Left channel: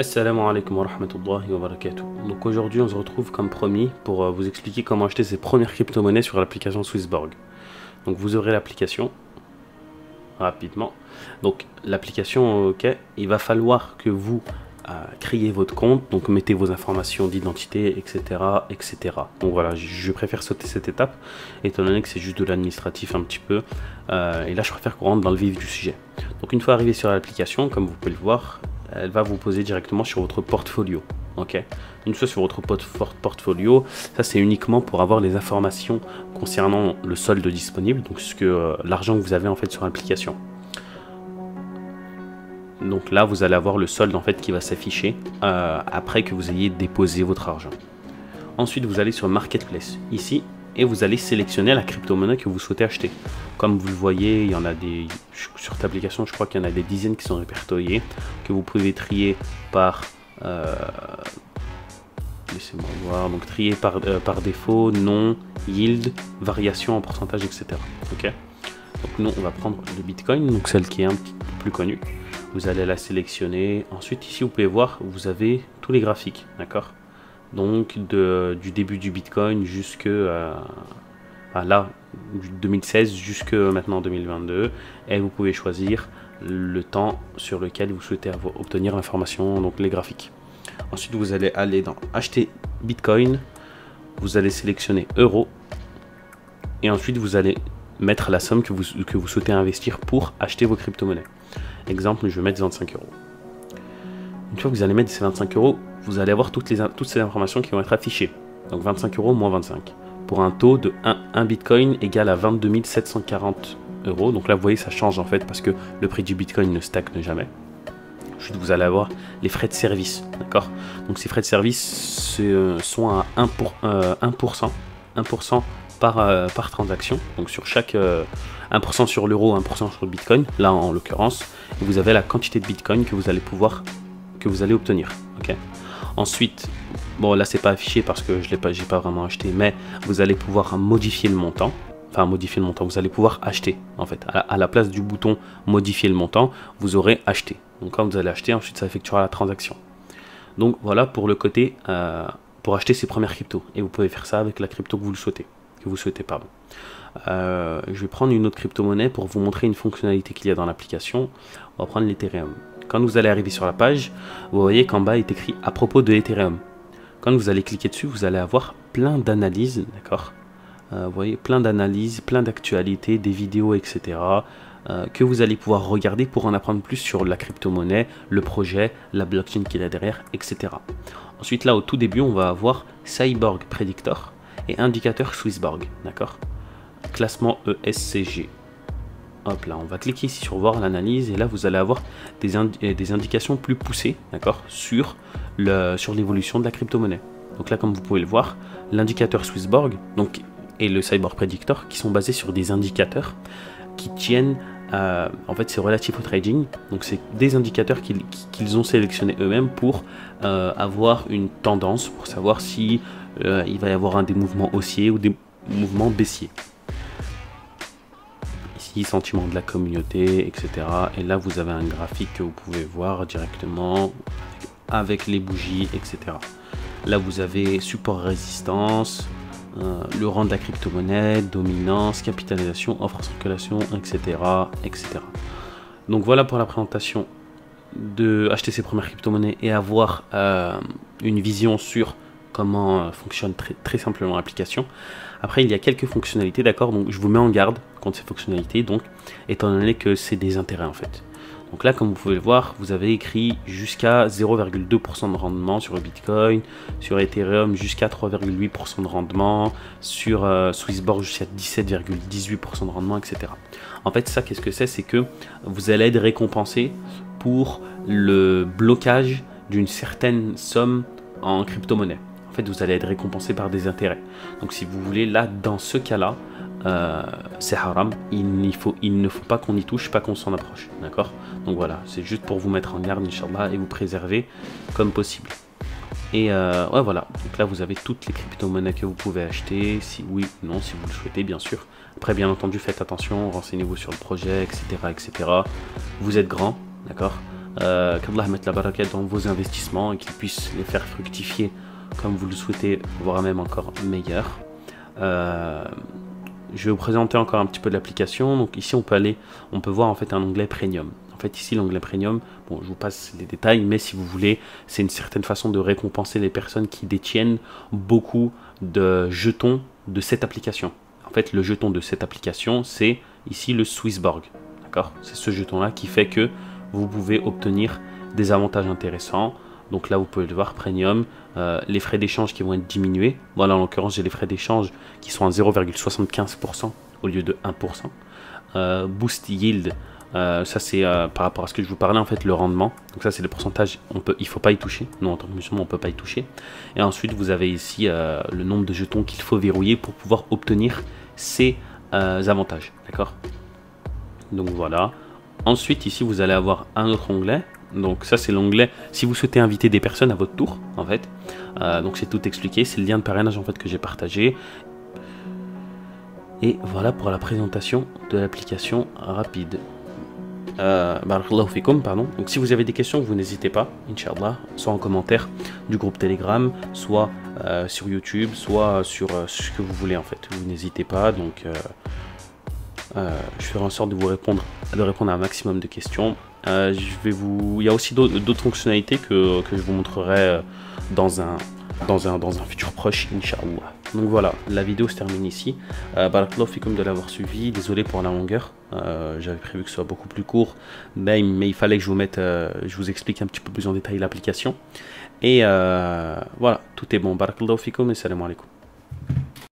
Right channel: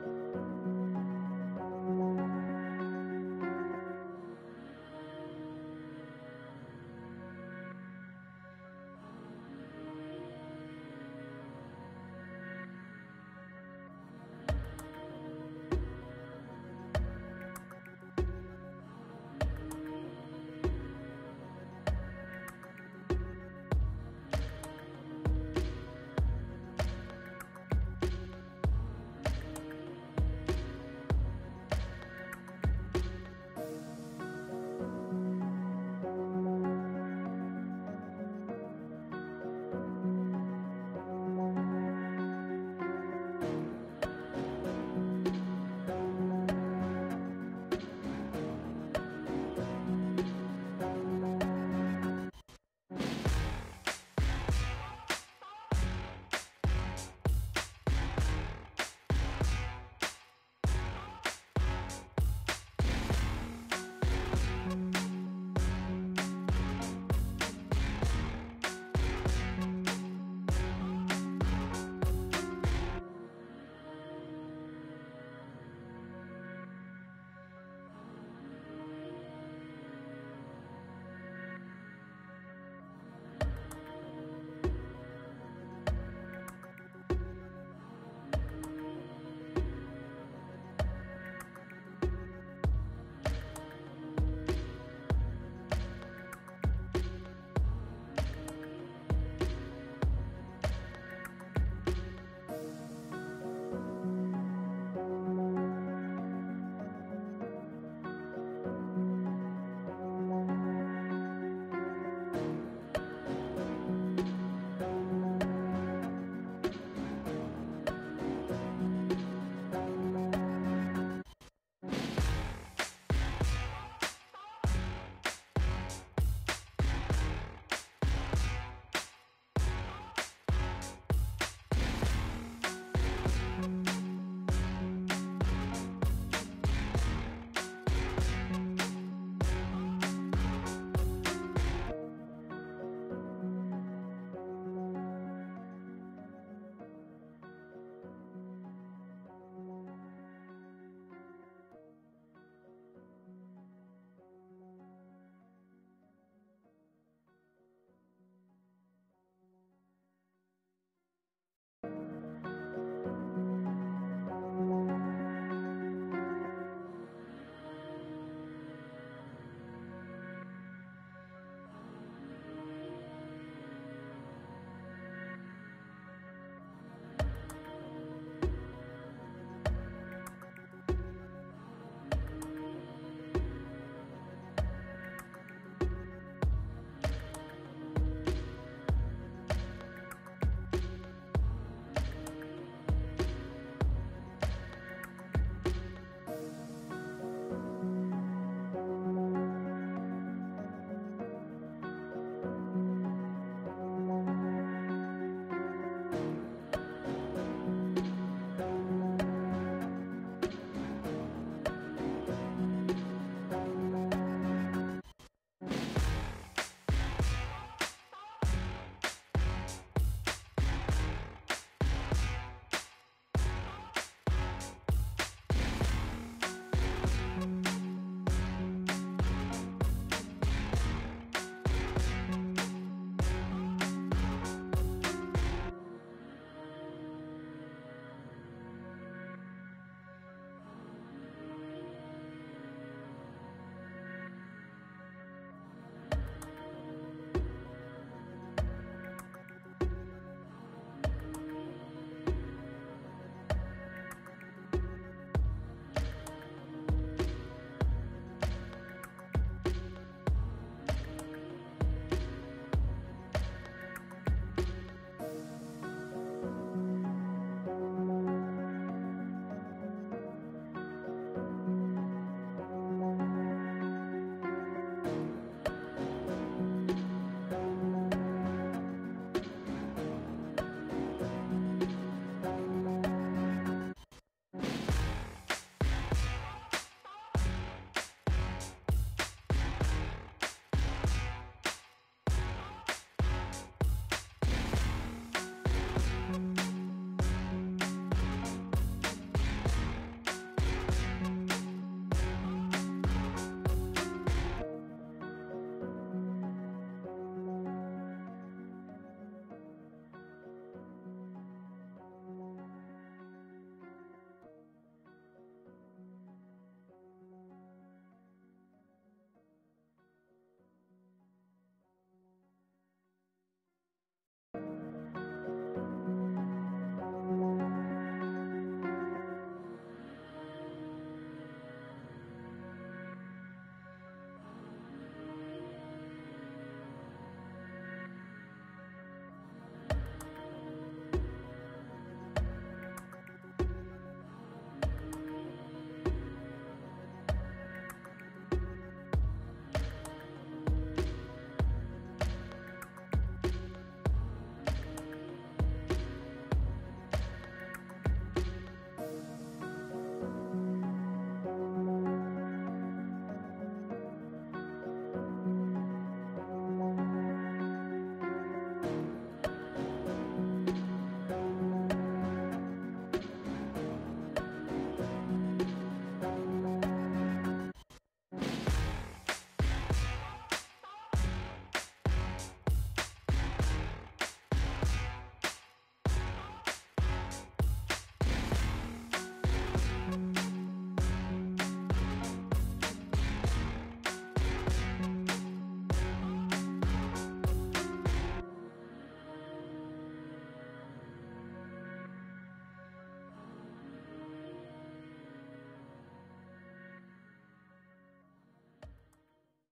Assalamu alaikum wa rahmatullahi wa barakatuh. Donc aujourd'hui on se retrouve comme promis pour vous expliquer comment acheter ses premières crypto-monnaies sur l'application Swissborg. Donc vous ouvrez l'application rapidement. Donc l'application, ok, il va falloir que vous créez votre compte, donc mettez vos informations d'identité, etc., etc. Donc voilà, je préfère sauter cette étape étant donné que c'est juste de l'administratif un petit peu. Et là je préfère qu'on rentre dans le vif du sujet. Donc une fois arrivé sur l'application, comme vous pouvez le voir, elle va vous poser directement sur votre portfolio. Ok. Une fois sur votre portfolio, ça c'est uniquement pour avoir les informations concernant le solde disponible, donc l'argent que vous avez en fait sur l'application. Donc là, vous allez avoir le solde en fait qui va s'afficher après que vous ayez déposé votre argent. Ensuite, vous allez sur Marketplace ici et vous allez sélectionner la crypto-monnaie que vous souhaitez acheter. Comme vous le voyez, il y en a des sur cette application, je crois qu'il y en a des dizaines qui sont répertoriées, que vous pouvez trier par laissez-moi voir, donc trier par défaut, nom, yield, variation en pourcentage, etc. Ok. Donc nous, on va prendre le Bitcoin, donc celle qui est un petit peu plus connue. Vous allez la sélectionner. Ensuite, ici, vous pouvez voir, vous avez tous les graphiques, d'accord? Donc, du début du Bitcoin jusque là, 2016 jusque maintenant 2022. Et vous pouvez choisir le temps sur lequel vous souhaitez obtenir l'information, donc les graphiques. Ensuite, vous allez aller dans Acheter Bitcoin. Vous allez sélectionner Euro. Et ensuite, vous allez mettre la somme que vous souhaitez investir pour acheter vos crypto-monnaies. Exemple, je vais mettre 25 euros. Une fois que vous allez mettre ces 25 euros, vous allez avoir toutes ces informations qui vont être affichées. Donc 25 euros moins 25. Pour un taux de 1 Bitcoin égale à 22 740 euros. Donc là, vous voyez, ça change en fait parce que le prix du Bitcoin ne stagne jamais. Ensuite, vous allez avoir les frais de service. D'accord. Donc ces frais de service sont à 1%. 1% par transaction, donc sur chaque 1% sur l'euro, 1% sur le Bitcoin, là en l'occurrence, vous avez la quantité de Bitcoin que vous allez obtenir. Okay. Ensuite, bon là c'est pas affiché parce que j'ai pas vraiment acheté, mais vous allez pouvoir modifier le montant. Enfin modifier le montant, vous allez pouvoir acheter en fait. À la place du bouton modifier le montant, vous aurez acheté. Donc quand vous allez acheter, ensuite ça effectuera la transaction. Donc voilà pour le côté pour acheter ses premières cryptos. Et vous pouvez faire ça avec la crypto que vous souhaitez. Je vais prendre une autre crypto-monnaie pour vous montrer une fonctionnalité qu'il y a dans l'application. On va prendre l'Ethereum. Quand vous allez arriver sur la page, vous voyez qu'en bas est écrit à propos de l'Ethereum. Quand vous allez cliquer dessus, vous allez avoir plein d'analyses, d'accord. Vous voyez, plein d'analyses, plein d'actualités, des vidéos, etc. Que vous allez pouvoir regarder pour en apprendre plus sur la crypto-monnaie, le projet, la blockchain qu'il y a derrière, etc. Ensuite, là, au tout début, on va avoir Cyborg Predictor et indicateur Swissborg, d'accord. Classement ESCG. Hop là, on va cliquer ici sur voir l'analyse et là, vous allez avoir des indications plus poussées, d'accord, sur l'évolution de la crypto-monnaie. Donc là, comme vous pouvez le voir, l'indicateur Swissborg et le Cyborg Predictor qui sont basés sur des indicateurs qui tiennent en fait c'est relatif au trading, donc c'est des indicateurs qu'ils ont sélectionnés eux-mêmes pour avoir une tendance, pour savoir si il va y avoir des mouvements haussiers ou des mouvements baissiers. Ici, sentiment de la communauté, etc. Et là, vous avez un graphique que vous pouvez voir directement avec les bougies, etc. Là, vous avez support résistance, le rang de la crypto-monnaie, dominance, capitalisation, offre en circulation, etc., etc. Donc voilà pour la présentation de acheter ses premières crypto-monnaies et avoir une vision sur comment fonctionne très simplement l'application. Après, il y a quelques fonctionnalités, d'accord, donc je vous mets en garde contre ces fonctionnalités, donc étant donné que c'est des intérêts en fait. Donc là, comme vous pouvez le voir, vous avez écrit jusqu'à 0,2% de rendement sur le Bitcoin, sur Ethereum jusqu'à 3,8% de rendement, sur Swissborg jusqu'à 17,18% de rendement, etc. En fait, ça, qu'est-ce que c'est? C'est que vous allez être récompensé pour le blocage d'une certaine somme en crypto-monnaie. En fait, vous allez être récompensé par des intérêts. Donc, si vous voulez, là, dans ce cas-là, c'est haram. Il ne faut pas qu'on y touche, pas qu'on s'en approche. D'accord? Donc voilà, c'est juste pour vous mettre en garde, Inch'Allah, et vous préserver comme possible. Et ouais, voilà. Donc là, vous avez toutes les crypto-monnaies que vous pouvez acheter. Si oui ou non, si vous le souhaitez, bien sûr. Après, bien entendu, faites attention, renseignez-vous sur le projet, etc., etc. Vous êtes grand, d'accord? qu'Allah mette la baraka dans vos investissements et qu'il puisse les faire fructifier comme vous le souhaitez, voire même encore meilleur. Je vais vous présenter encore un petit peu de l'application. Donc ici on peut voir en fait un onglet Premium. En fait ici l'onglet Premium, bon je vous passe les détails, mais si vous voulez, c'est une certaine façon de récompenser les personnes qui détiennent beaucoup de jetons de cette application. En fait le jeton de cette application c'est ici le Swissborg. D'accord, c'est ce jeton là qui fait que vous pouvez obtenir des avantages intéressants. Donc là, vous pouvez le voir, Premium, les frais d'échange qui vont être diminués. Voilà, en l'occurrence, j'ai les frais d'échange qui sont à 0,75% au lieu de 1%. Boost Yield, ça c'est par rapport à ce que je vous parlais, en fait, le rendement. Donc ça, c'est le pourcentage, il ne faut pas y toucher. Nous, en tant que musulmans, on ne peut pas y toucher. Et ensuite, vous avez ici le nombre de jetons qu'il faut verrouiller pour pouvoir obtenir ces avantages. D'accord? Donc voilà. Ensuite, ici, vous allez avoir un autre onglet. Donc ça, c'est l'onglet si vous souhaitez inviter des personnes à votre tour, en fait. Donc c'est tout expliqué. C'est le lien de parrainage, en fait, que j'ai partagé. Et voilà pour la présentation de l'application rapide. Barakallahu fikum, pardon. Donc si vous avez des questions, vous n'hésitez pas, Inch'Allah, soit en commentaire du groupe Telegram, soit sur YouTube, soit sur ce que vous voulez, en fait. Vous n'hésitez pas, donc... je ferai en sorte de répondre à un maximum de questions. Il y a aussi d'autres fonctionnalités que je vous montrerai dans un futur proche, Inch'Allah. Donc voilà, la vidéo se termine ici. Barakallahu fikum de l'avoir suivi. Désolé pour la longueur. J'avais prévu que ce soit beaucoup plus court, mais il fallait que je vous explique un petit peu plus en détail l'application. Et voilà, tout est bon. Barakallahu fikum et salam alaikum.